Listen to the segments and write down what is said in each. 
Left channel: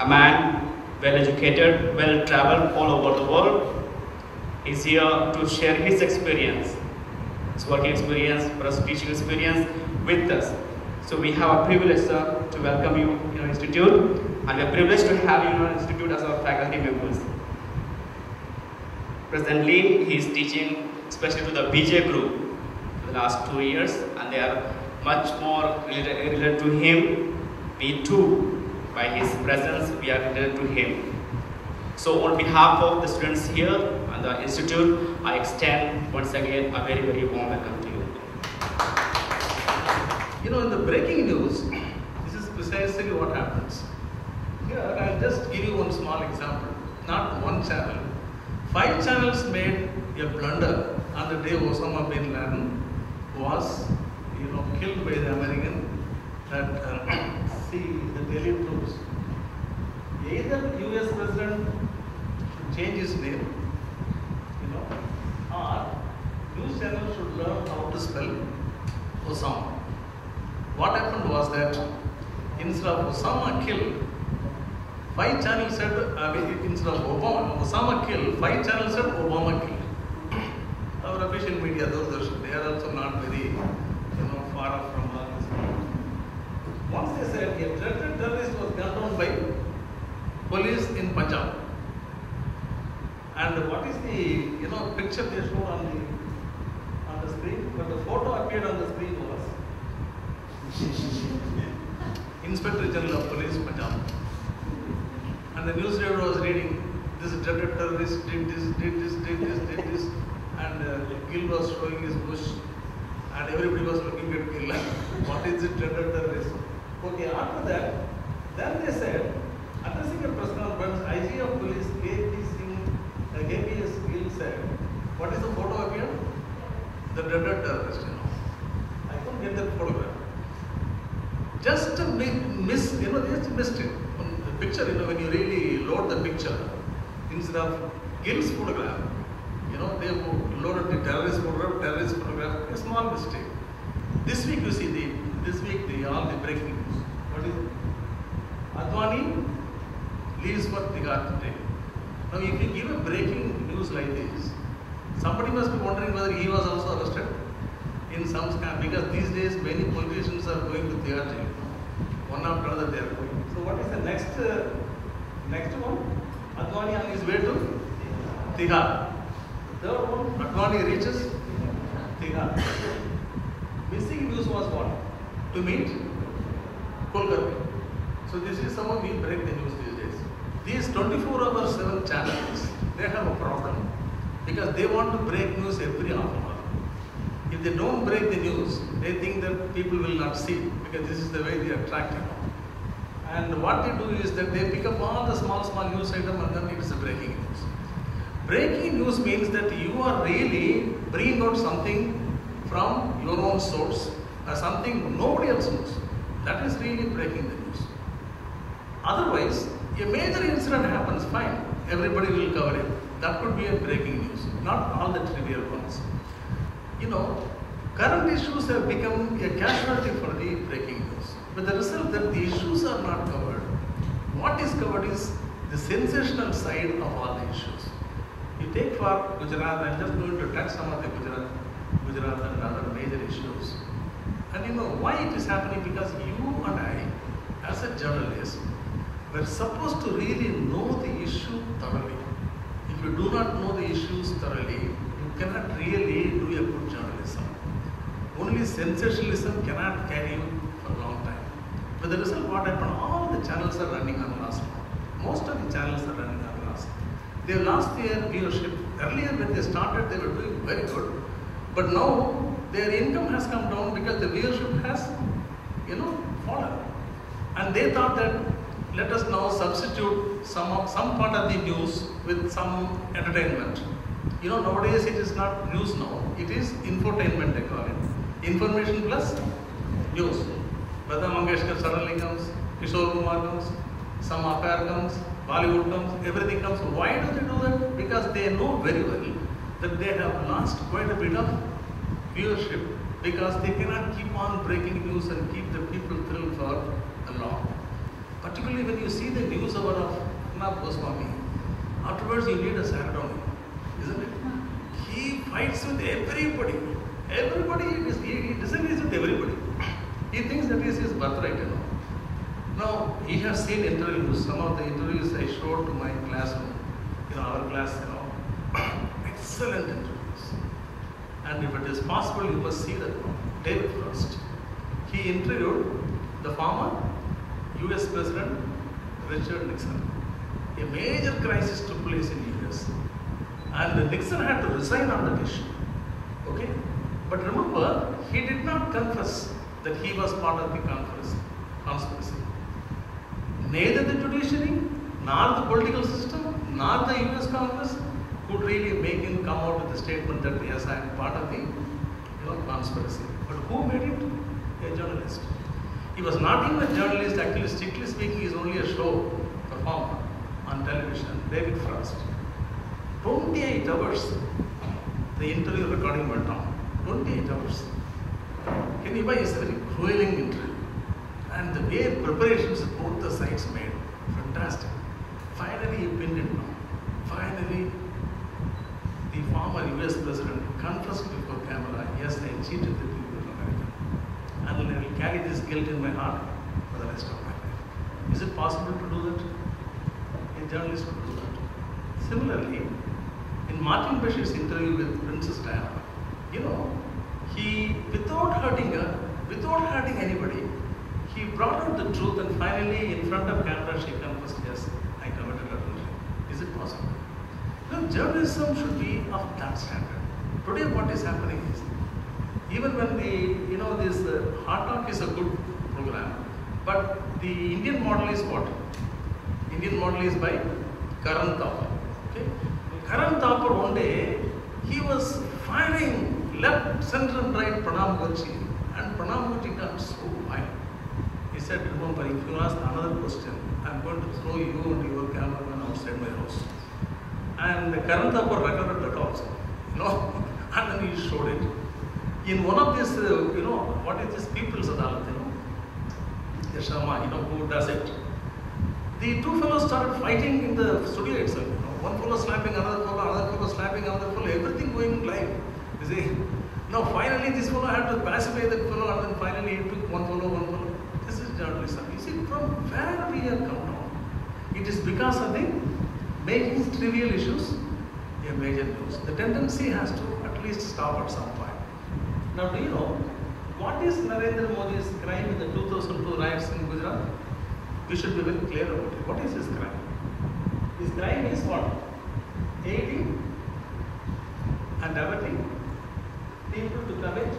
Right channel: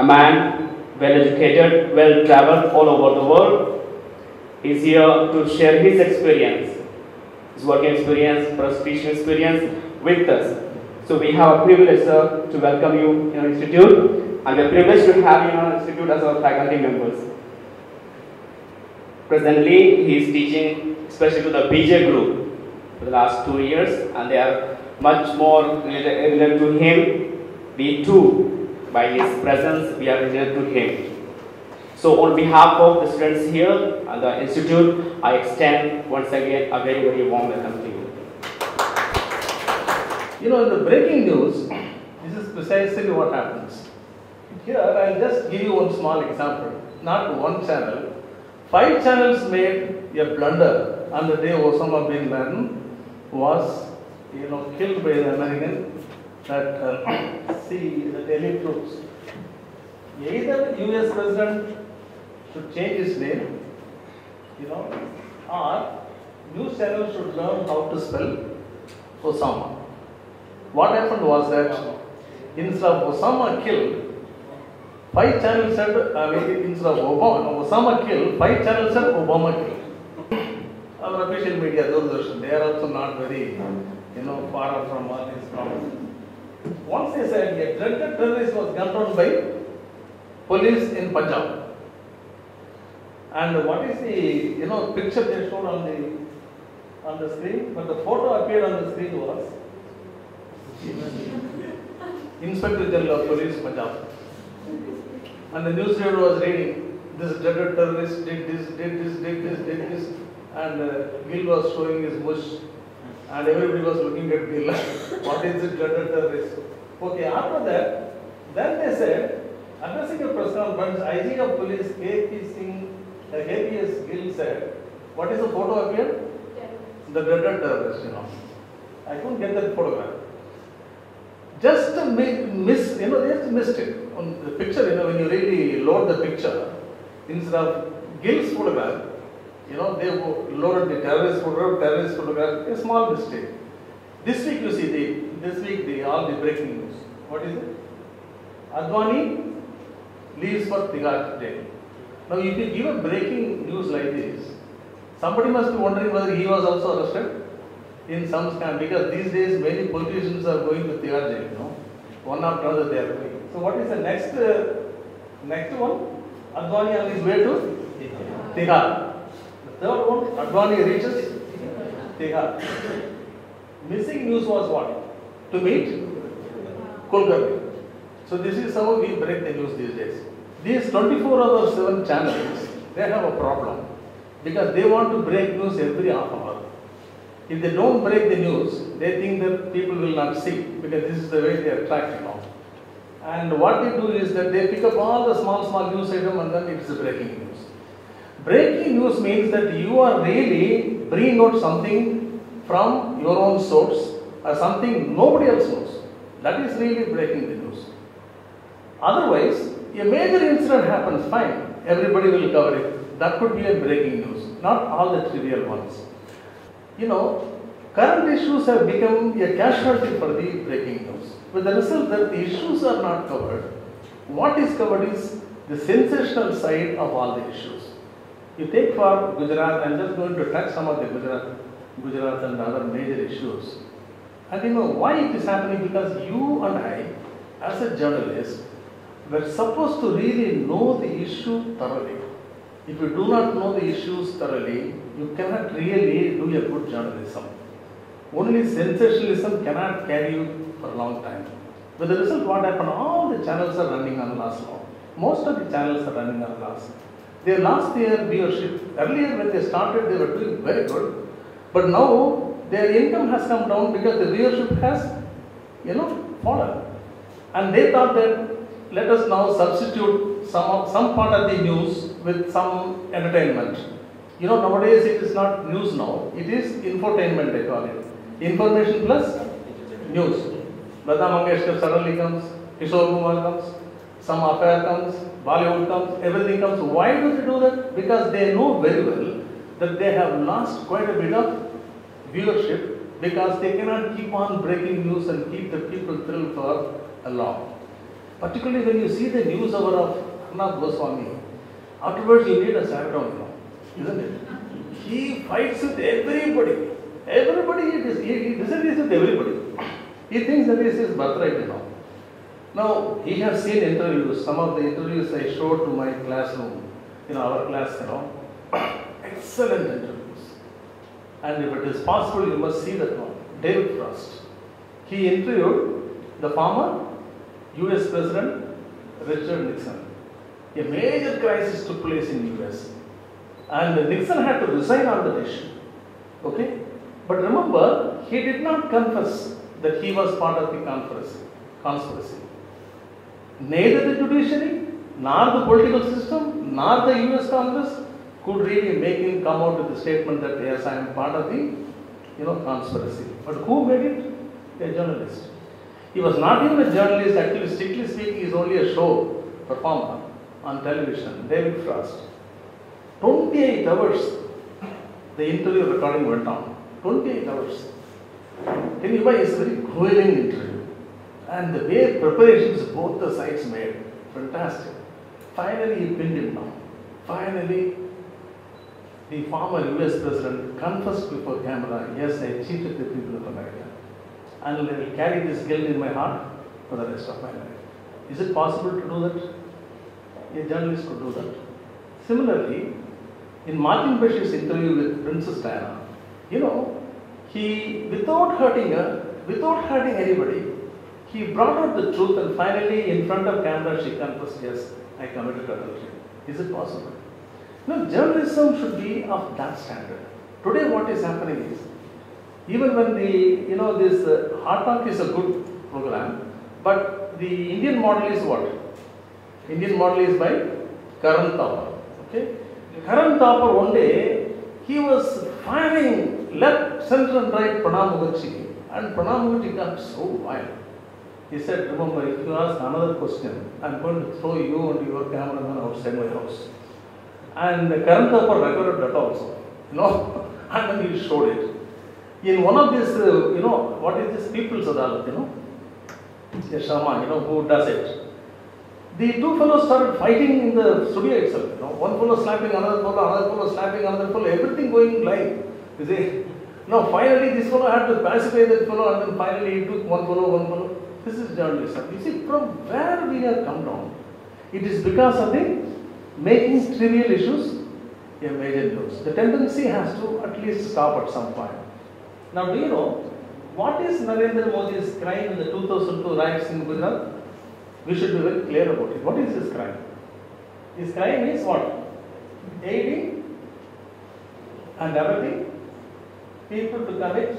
A man, well educated, well traveled all over the world, is here to share his experience, his working experience, or speech experience with us. So we have a privilege, sir, to welcome you in our institute, and we're privileged to have you in our institute as our faculty members. Presently, he is teaching especially to the BJ group for the last 2 years, and they are much more related to him. We too, by his presence, we are related to him. So on behalf of the students here and the institute, I extend once again a very, very warm welcome to you. You know, in the breaking news, this is precisely what happens. Here, I'll just give you one small example. Not one channel. 5 channels made a blunder on the day Osama bin Laden was, killed by the American. That see the Delhi troops. Either U.S. president should change his name, or news channel should learn how to spell Osama. What happened was that instead of Osama killed, 5 channels said, instead of Osama killed, 5 channels said Obama killed. Our official media, they are also not very, far from all these problems. Once they said a dreaded terrorist was gunned down by police in Punjab. And what is the picture they showed on the screen? But the photo appeared on the screen was Inspector General of Police Punjab. And the newsreader was reading, this dreaded terrorist did this, and Gill was showing his bush, and everybody was looking at Gill. What is it, dreaded terrorist? Okay, after that, then they said, addressing a press conference, IG of Police KPS Gill said, what is the photo again? The dreaded terrorist, I couldn't get that photograph. Just to miss, they just missed it. On the picture, when you really load the picture, instead of Gill's photograph, they loaded the terrorist photograph, a small mistake. This week you see, all the breaking news. What is it? Advani leaves for Tihar today. Now if you give a breaking news like this, somebody must be wondering whether he was also arrested in some scam, because these days many politicians are going to Tihar jail. One after another they are going. So what is the next one? Advani on his way to Tihar. The third one, Advani reaches Tihar. Missing news was what? To meet Kulkarni. So this is how we break the news these days. These 24/7 channels, they have a problem because they want to break news every half hour. If they don't break the news, they think that people will not see, because this is the way they attract, And what they do is that they pick up all the small news items and then it is breaking news. Breaking news means that you are really bringing out something from your own source or something nobody else knows. That is really breaking the news. Otherwise, a major incident happens, fine, everybody will cover it. That could be a breaking news, not all the trivial ones. Current issues have become a casualty for the breaking news, with the result that the issues are not covered. What is covered is the sensational side of all the issues. You take for Gujarat, I'm just going to touch some of the Gujarat and other major issues. And why it is happening? Because you and I, as a journalist, were supposed to really know the issue thoroughly. If you do not know the issues thoroughly, you cannot really do a good journalism. Only sensationalism cannot carry you for a long time. With the result, what happened? All the channels are running on loss now. Most of the channels are running on loss. They lost their viewership. Earlier when they started, they were doing very good. But now, their income has come down because the viewership has, fallen. And they thought that, let us now substitute some part of the news with some entertainment. Nowadays it is not news now, it is infotainment, they call it. Information plus news. Lata Mangeshkar suddenly comes, Kishore Kumar comes, some affair comes, Bollywood comes, everything comes. Why do they do that? Because they know very well that they have lost quite a bit of viewership because they cannot keep on breaking news and keep the people thrilled for long. Particularly when you see the news hour of Arnab Goswami, afterwards you need a Saradon, isn't it? He fights with everybody. Everybody, he disagrees with everybody. He thinks that is his birthright, Now, he has seen interviews, some of the interviews I showed to my classroom, our class, excellent interviews. And if it is possible, you must see that one. David Frost. He interviewed the former US President Richard Nixon. A major crisis took place in US. And Nixon had to resign on that issue. Okay? But remember, he did not confess that he was part of the conspiracy. Neither the judiciary, nor the political system, nor the US Congress could really make him come out with the statement that yes, I am part of the conspiracy. But who made it? A journalist. He was not even a journalist, actually, strictly speaking, he is only a show performer on television, David Frost. 28 hours the interview recording went on. 28 hours. Can you buy? It's a very grueling interview. And the way preparations both the sides made, fantastic. Finally, he pinned him down. Finally, the former US President confessed before camera, yes, I cheated the people of America. And I will carry this guilt in my heart for the rest of my life. Is it possible to do that? A journalist could do that. Similarly, in Martin Bashir's interview with Princess Diana, he, without hurting her, without hurting anybody, he brought out the truth and finally, in front of camera, she confessed, yes, I committed adultery. Is it possible? Journalism should be of that standard. Today, what is happening is, even when this Hard Talk is a good program, but the Indian model is what? Indian model is by Karan Thapar. Okay? Karan Thapar, one day, he was firing left, center and right Pranab Mukherjee, and Pranab Mukherjee got so wild. He said, remember, if you ask another question, I am going to throw you and your cameraman outside my house. And Karan Thapar recorded that also, and then he showed it. In one of these, what is this People's Adalat, the Sharma, who does it. The two fellows started fighting in the studio itself. One fellow slapping another fellow slapping another fellow, everything going live. You see? Now finally this fellow had to pacify that fellow, and then finally he took one fellow. This is journalism. You see, from where we have come down, it is because of the making trivial issues a major news. The tendency has to at least stop at some point. Now, do you know what is Narendra Modi's crime in the 2002 riots in Gujarat? We should be very clear about it. What is his crime? His crime is what? Aiding and abetting people to commit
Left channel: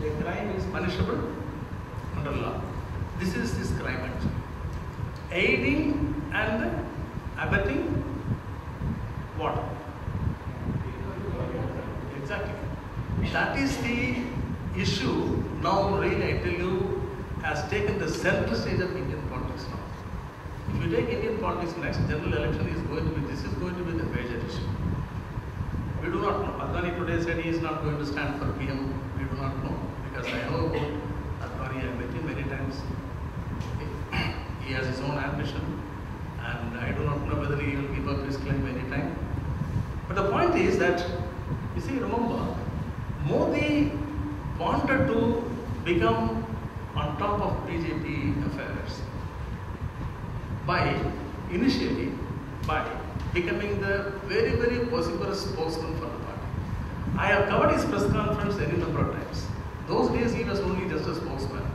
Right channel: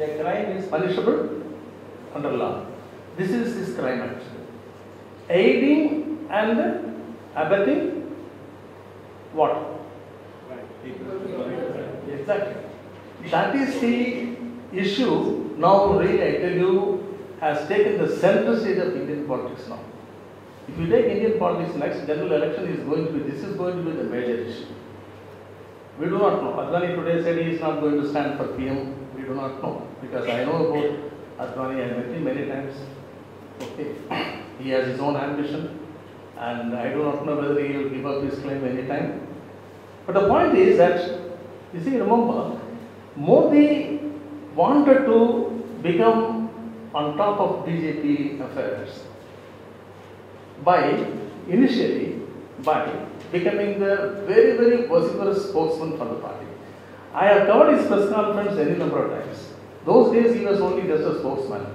a crime is punishable under law. This is his crime actually. Aiding and abetting what? Exactly. That is the issue now, really, I tell you, has taken the center stage of Indian politics now. If you take Indian politics, next general election is going to be, this is going to be the major issue. We do not know. Advani today said he is not going to stand for PM. We do not know. Because I know about Advani, I met him many times. Okay. He has his own ambition. And I do not know whether he will give up his claim any time. But the point is that, you see, remember, Modi wanted to become on top of BJP affairs initially by becoming the very, very vociferous spokesman for the party. I have covered his press conference any number of times. Those days he was only just a spokesman.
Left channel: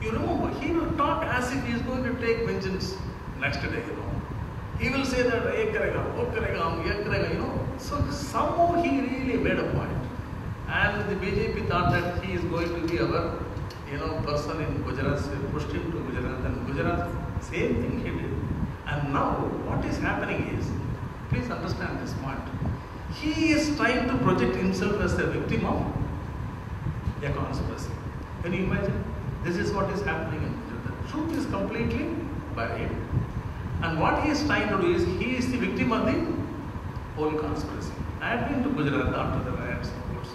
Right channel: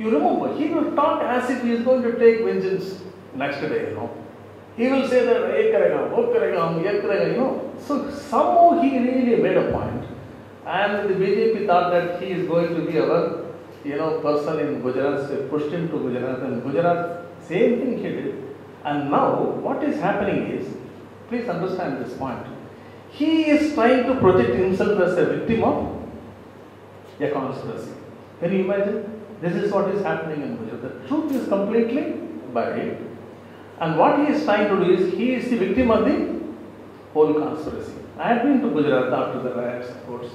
You remember, he will talk as if he is going to take vengeance next day, He will say that, ye karega, wo karega, ye karega, So somehow he really made a point. And the BJP thought that he is going to be our, person in Gujarat, so pushed him to Gujarat, and Gujarat, same thing he did. And now, what is happening is, please understand this point, he is trying to project himself as a victim of a conspiracy. Can you imagine? This is what is happening in Gujarat. The truth is completely buried. And what he is trying to do is, he is the victim of the whole conspiracy. I had been to Gujarat after the riots, of course.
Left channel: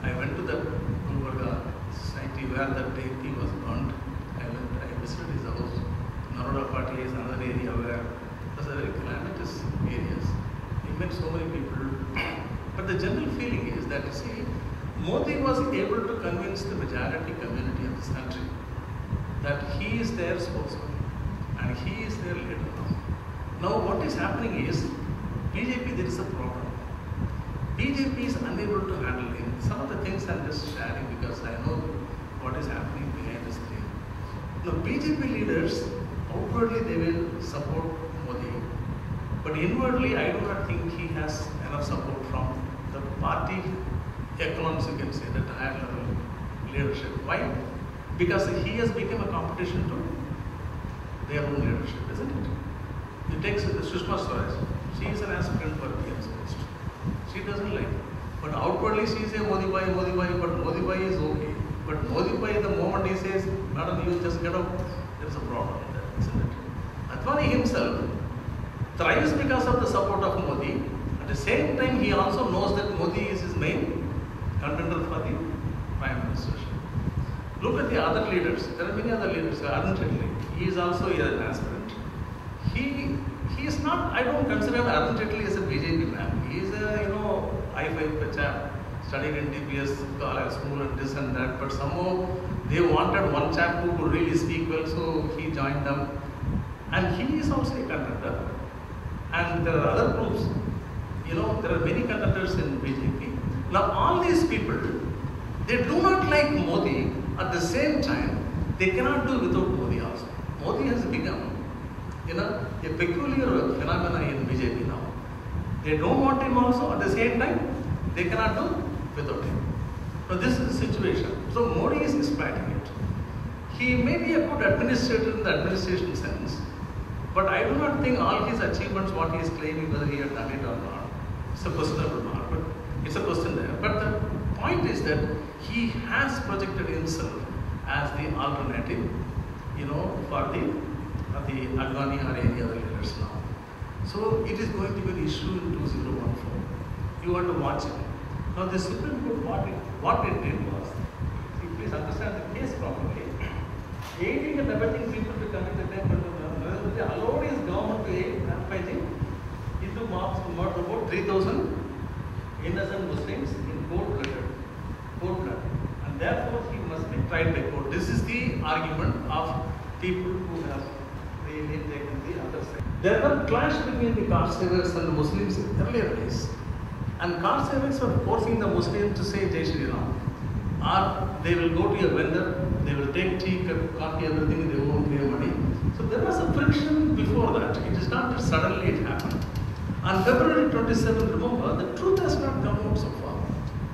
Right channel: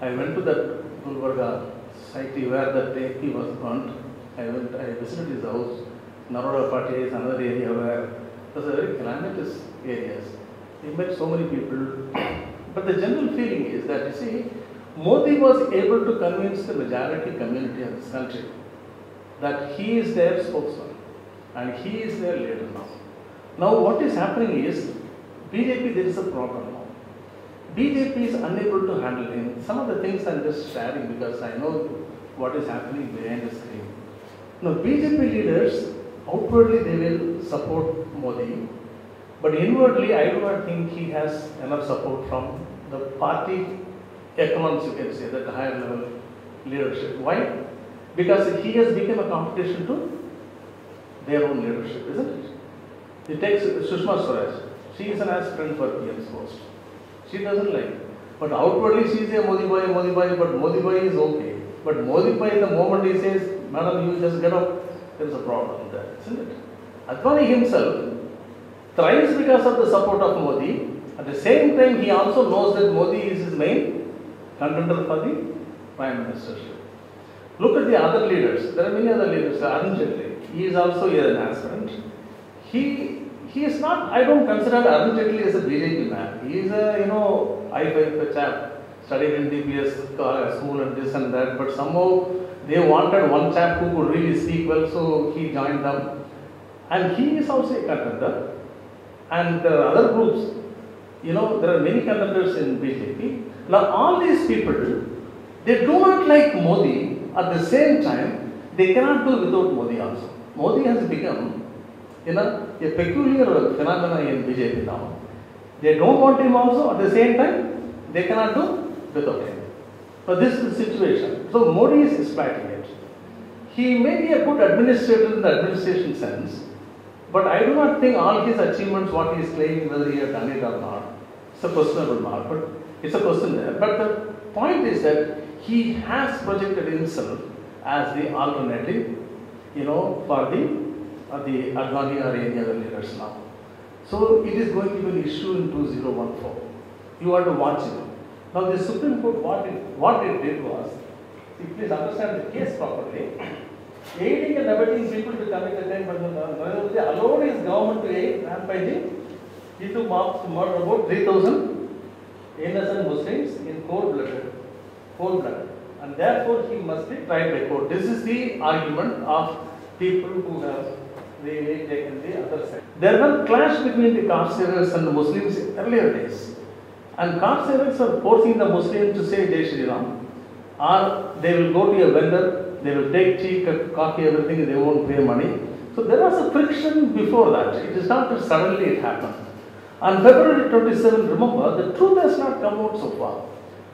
I went to the Gulbarga society where that day he was burnt. I visited his house. Naroda Party is another area where it was a very calamitous areas. He met so many people. But the general feeling is that, see, Modi was able to convince the majority community of this country that he is their spokesman and he is their leader now. Now what is happening is, BJP, there is a problem now. BJP is unable to handle it. Some of the things I'm just sharing because I know what is happening behind the screen. Now BJP leaders, outwardly they will support Modi, but inwardly I do not think he has enough support from the party economics, you can say, that higher level leadership. Why? Because he has become a competition to their own leadership, isn't it? It takes Sushma Swaraj. She is an aspirant for PM's post. She doesn't like. But outwardly she is a Modi boy, but Modi boy is okay. But Modi boy, the moment he says, madam, you just get up, there is a problem there, isn't it? Advani himself thrives because of the support of Modi. At the same time, he also knows that Modi is his main contender for the prime ministership. Look at the other leaders. There are many other leaders. Arun Jaitley, he is also an aspirant. He is not, I don't consider Arun Jaitley as a BJP man. He is a, I-5 chap, studied in DPS school and this and that, but somehow they wanted one chap who could really speak well, so he joined them. And he is also a contender. And there are other groups. There are many contenders in BJP. Now all these people, they do not like Modi. At the same time, they cannot do without Modi also. Modi has become a peculiar phenomenon in BJP now. They don't want him also, at the same time, they cannot do without him. So this is the situation. So Modi is exploiting it. He may be a good administrator in the administration sense, but I do not think all his achievements, what he is claiming, whether he has done it or not, it's a questionable mark, but it's a question there. But the point is that he has projected himself as the alternative, for the Advani or any other leaders now. So it is going to be an issue in 2014. You have to watch it. Now the Supreme Court, what it did was, please understand the case properly. Aiding and abetting people to commit a crime, allowed his government to aid rampaging. He took murder about 3,000 innocent Muslims in cold blood. And therefore he must be tried by court. This is the argument of people who have really taken the other side. There was a clash between the caste savers and the Muslims in earlier days. And caste savers were forcing the Muslims to say Jai Shri Ram. Or they will go to a vendor, they will take tea, coffee, everything, they won't pay money. So there was a friction before that. It is not that suddenly it happened. On February 27, remember, the truth has not come out so far.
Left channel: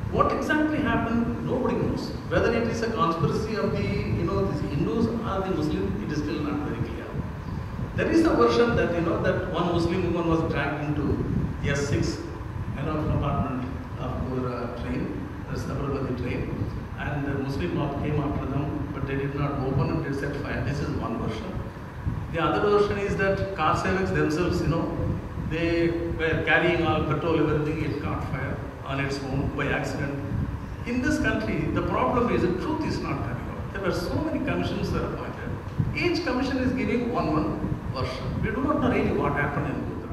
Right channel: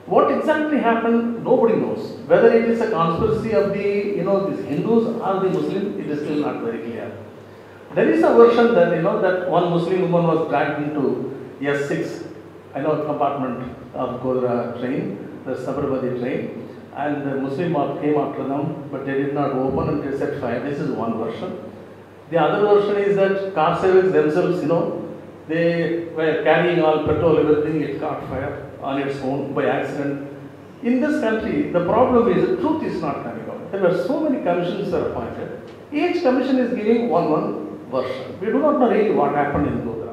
What exactly happened, nobody knows. Whether it is a conspiracy of the, these Hindus or the Muslims, it is still not very clear. There is a version that, that one Muslim woman was dragged into S6, compartment of Godhra train, the Sabarmati train, and the Muslim mob came after them, but they did not open and they set fire. This is one version. The other version is that caste savers themselves, they were carrying all petrol, everything, it caught fire on its own by accident. In this country, the problem is the truth is not coming out. There were so many commissions that are appointed. Each commission is giving one version. We do not know really what happened in Godhra.